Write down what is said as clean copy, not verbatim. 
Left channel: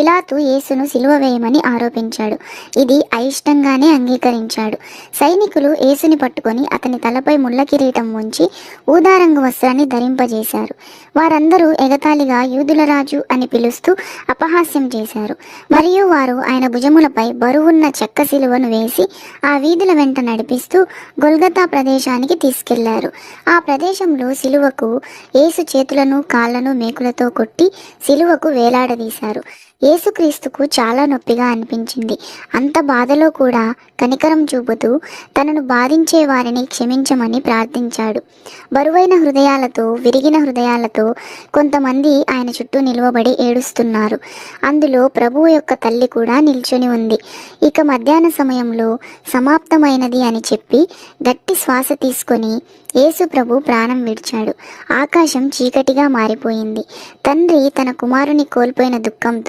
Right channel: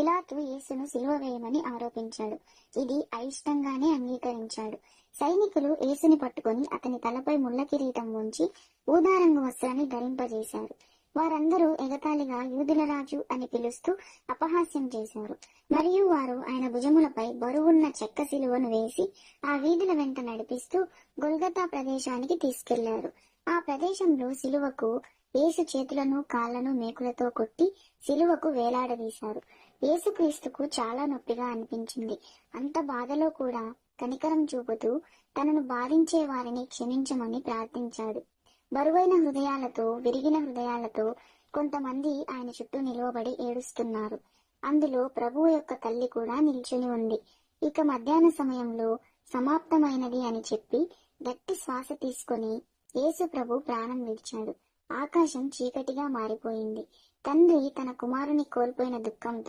పిలాతు యేసును సిలువ వేయమని ఆరోపించాడు. ఇది అయిష్టంగానే అంగీకరించాడు. సైనికులు యేసుని పట్టుకొని అతని తలపై ముళ్ళ కిరీటం ఉంచి ఊదారంగు వస్త్రాన్ని ధరింపజేశారు. వారందరూ ఎగతాళిగా యూదుల రాజు అని పిలుస్తూ అపహాస్యం చేశారు. మరియు వారు ఆయన భుజములపై బరువున్న చెక్క సిలువను వేసి ఆ వీధుల వెంట నడిపిస్తూ గొల్గతా ప్రదేశానికి తీసుకెళ్లారు. ఆ ప్రదేశంలో సిలువకు యేసు చేతులను కాళ్లను మేకులతో కొట్టి సిలువకు వేలాడదీశారు. యేసుక్రీస్తుకు చాలా నొప్పిగా అనిపించింది. అంత బాధలో కూడా కనికరం చూపుతూ తనను బాధించే వారిని క్షమించమని ప్రార్థించాడు. బరువైన హృదయాలతో, విరిగిన హృదయాలతో కొంతమంది ఆయన చుట్టూ నిలువబడి ఏడుస్తున్నారు. అందులో ప్రభువు యొక్క తల్లి కూడా నిల్చొని ఉంది. ఇక మధ్యాహ్న సమయంలో సమాప్తమైనది అని చెప్పి గట్టి శ్వాస తీసుకొని యేసు ప్రభు ప్రాణం విడిచాడు. ఆకాశం చీకటిగా మారిపోయింది. తండ్రి తన కుమారుని కోల్పోయిన దుఃఖంతో